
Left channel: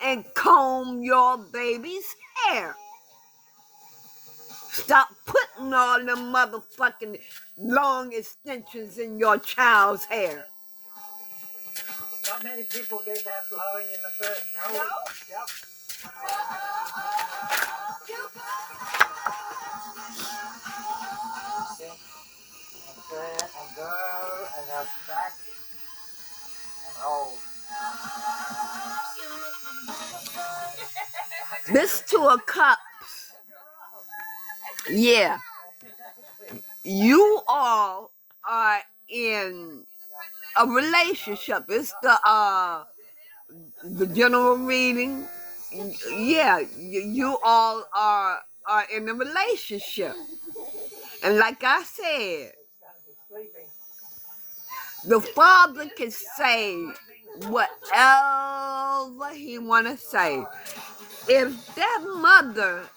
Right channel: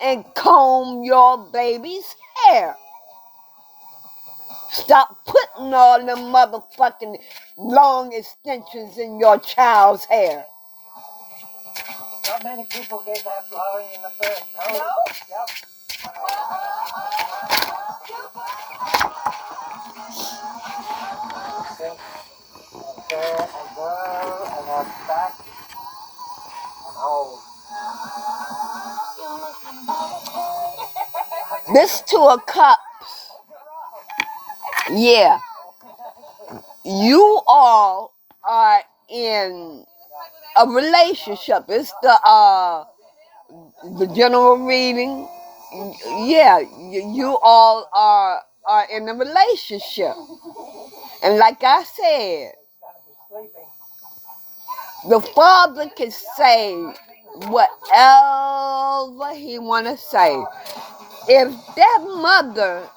and comb your baby's hair. Stop putting all them motherfucking long extensions in your child's hair. Not many people get that blowing in the first. No? Yep. And there and go and now back and hold. This 2 of Cups. Yeah. You all are in a relationship. It's the general reading. Yeah, you all are in a relationship. And like I said, the father can say whatever he want to say. If that mother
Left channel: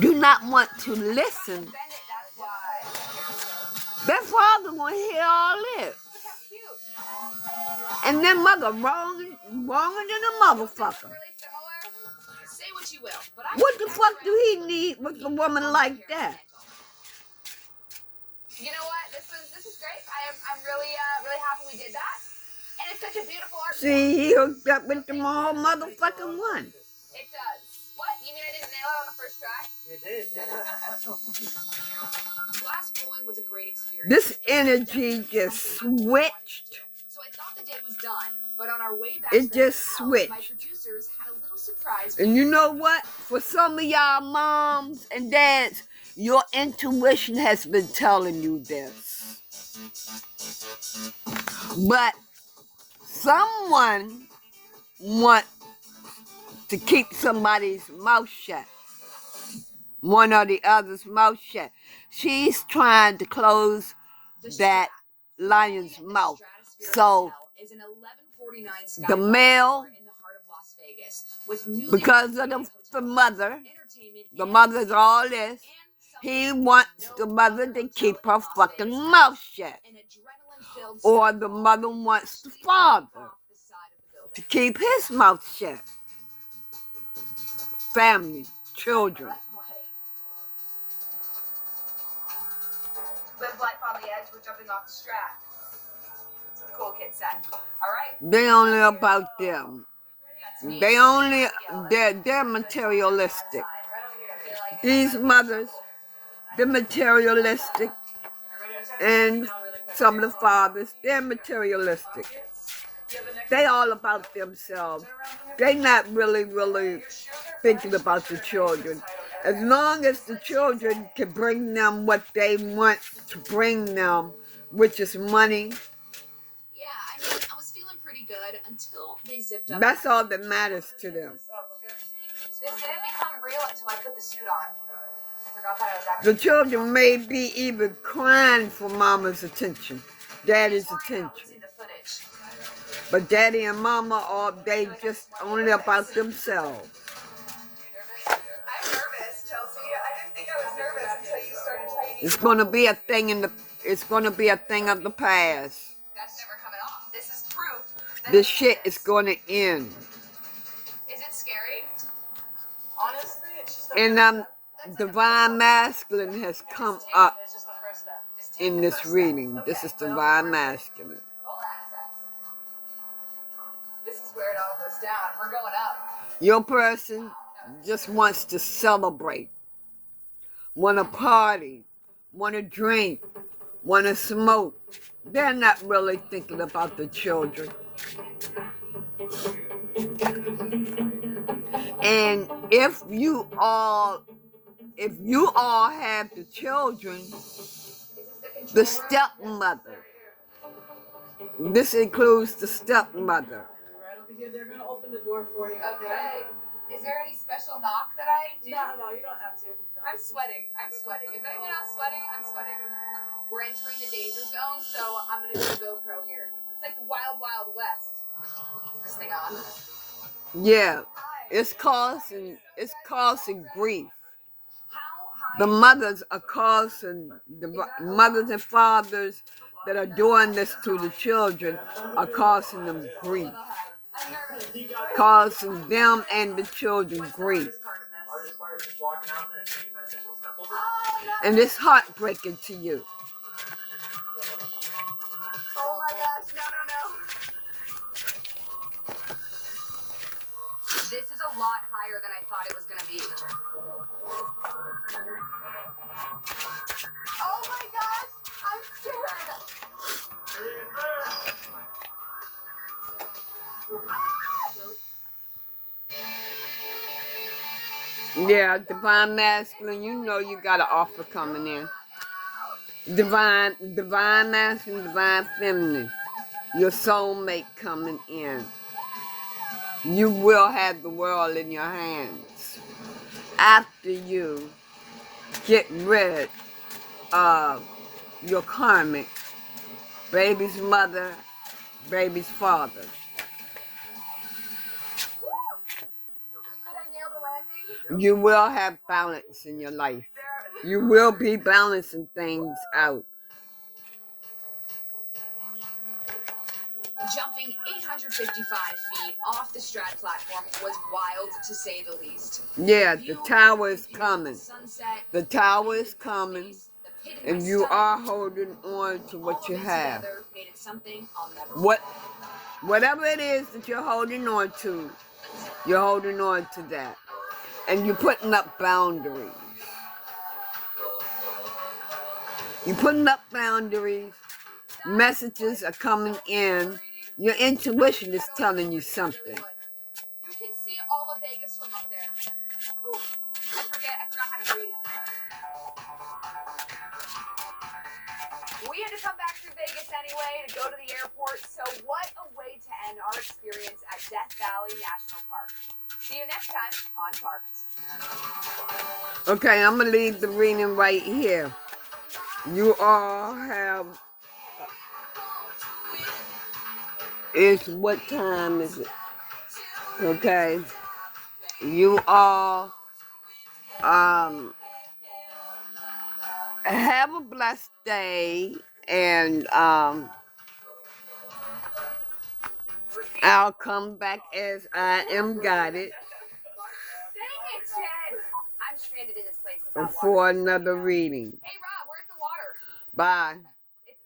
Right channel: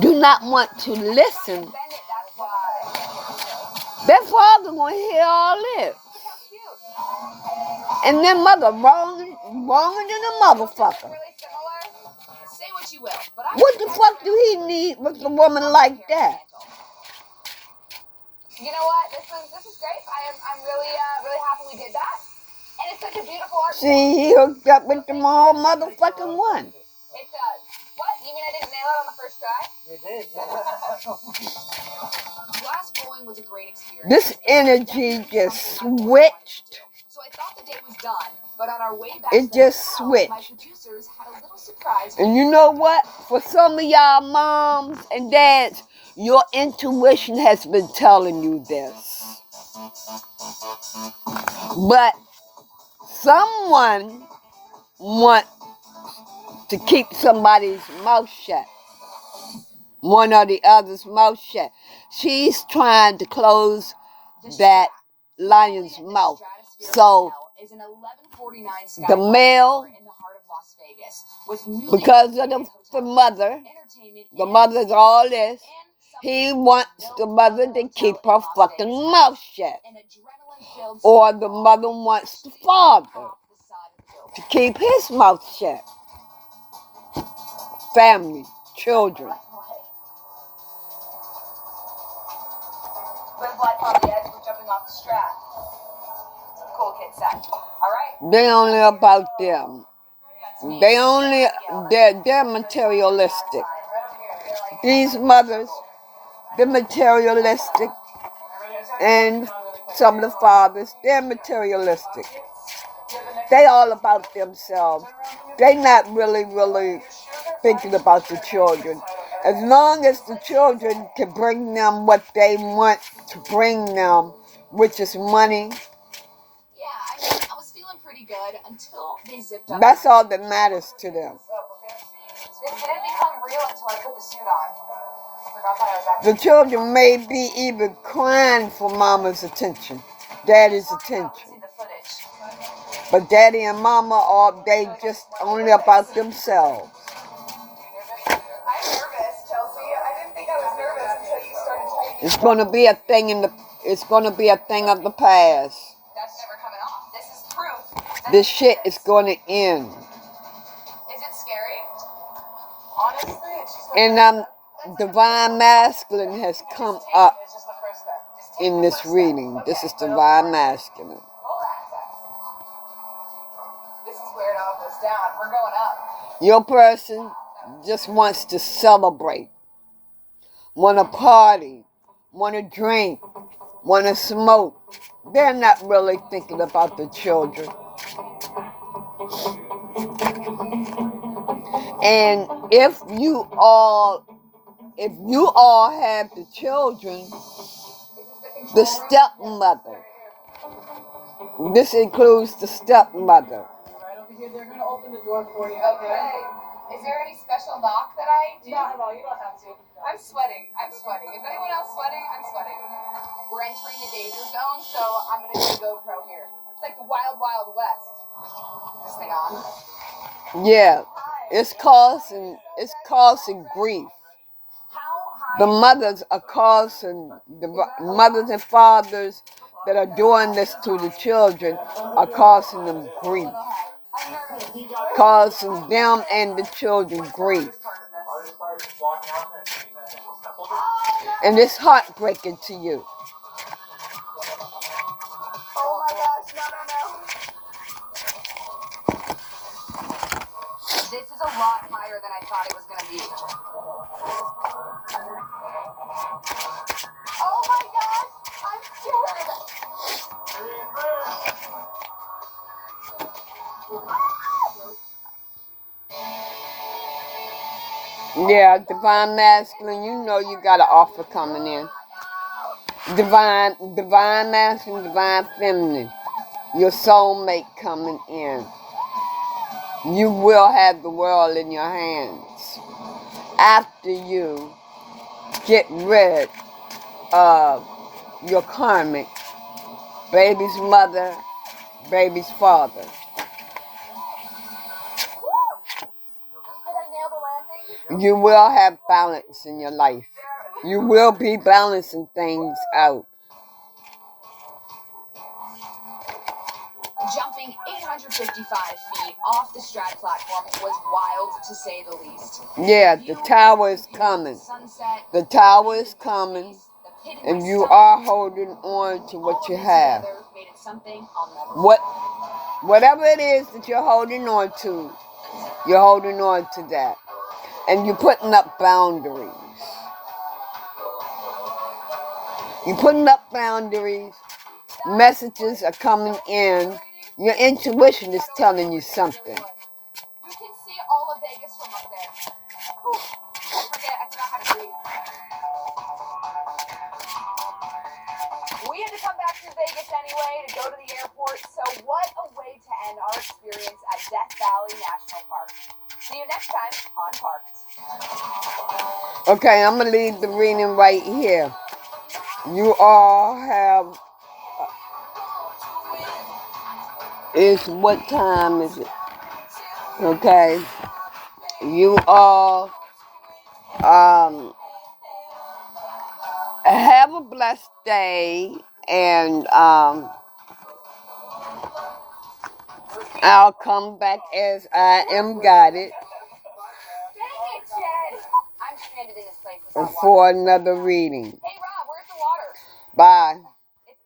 do not want to listen, that father won't hear all this. And then mother wronger than a motherfucker. Really similar. Say what you will, but What the fuck do he need with a woman like that? You know what? This is great. I'm really happy we did that. And it's such a beautiful art. See, he hooked up with them all motherfucking one. It does. What? You mean I didn't nail it on the first try? You did, Glass blowing was a great experience. This energy just switched. So I thought the day was done, but on our way back It to the just hotel, switched. my producers had a little surprise. And you know what? For some of y'all moms and dads, your intuition has been telling you this. But someone wants to keep somebody's mouth shut. One or the other's mouth shut. She's trying to close that lion's mouth. So the male, because of the mother's all this, he wants the mother to keep her fucking mouth shut. Or the mother wants the father to keep his mouth shut. Family, children. Live life on the edge, we're jumping off the strat. Cool kid sack. All right. They only about them. They're materialistic. These mothers, they're materialistic. And some of the fathers, they're materialistic. They all about themselves. They not really thinking about the children. As long as the children can bring them what they want to bring them, which is money, Yeah, I mean, I was feeling pretty good until they zipped up. that's all that matters to them. This didn't become real until I put the suit on. Forgot that I was actually. The children may be even crying for mama's attention, daddy's attention. See the footage. But daddy and mama are they just only about themselves. I'm nervous, Chelsea. I didn't think I was nervous until you started typing. It's gonna be a thing it's gonna be a thing of the past. That's never coming off. This is proof. This shit is gonna end. Is it scary? Honestly, it's just And divine masculine has come up it's just the first step. Just take in the this first step. reading. This is Okay, divine masculine. full access. This is where it all goes down. We're going up. Your person just wants to celebrate, want to party, want to drink, want to smoke. They're not really thinking about the children. And if you all have the children, the stepmother, this includes the stepmother. Right over here, they're gonna open the door for you. Okay. Is there any special knock that I do? No, you don't have to. I'm sweating. Is anyone else sweating? I'm sweating. We're entering the danger zone, so I'm gonna do a GoPro here. It's like the Wild Wild West. This thing on. Yeah, it's causing grief. How high? The mothers are causing, the mothers and fathers that are doing this to the children are causing them grief. I'm nervous. Causing them and the children grief. Hardest part is walking out there and seeing that initial step over. And it's heartbreaking to you. Oh my gosh, no. This is a lot higher than I thought it was gonna be. Oh my gosh, I'm scared. Yeah, divine masculine, you know you got an offer coming in. Divine masculine, divine feminine. Your soulmate coming in. You will have the world in your hands. After you get rid of your karmic, baby's mother, baby's father. Did I nail the landing? You will have balance in your life. You will be balancing things out. Jumping 855 feet off the Strat platform was wild to say the least. Yeah, the tower is coming. Sunset, The tower is coming, the pit in and my you stomach, are holding on to all what of you it have. together made it something I'll never Whatever it is that you're holding on to, you're holding on to that. And you're putting up boundaries. You're putting up boundaries. Messages are coming in. Your intuition is telling you something. You can see all of Vegas from up there. Whew. I forgot how to breathe. We had to come back through Vegas anyway to go to the airport, so what a way to end our experience at Death Valley National Park. See you next time on Parked. Okay, I'm going to leave the reading right here. You all have... what time is it? Okay. You all have a blessed day, and I'll come back as I am guided Dang it, Jen! I'm stranded in this place without water. for another reading. Hey, Rob, where's the water? Bye.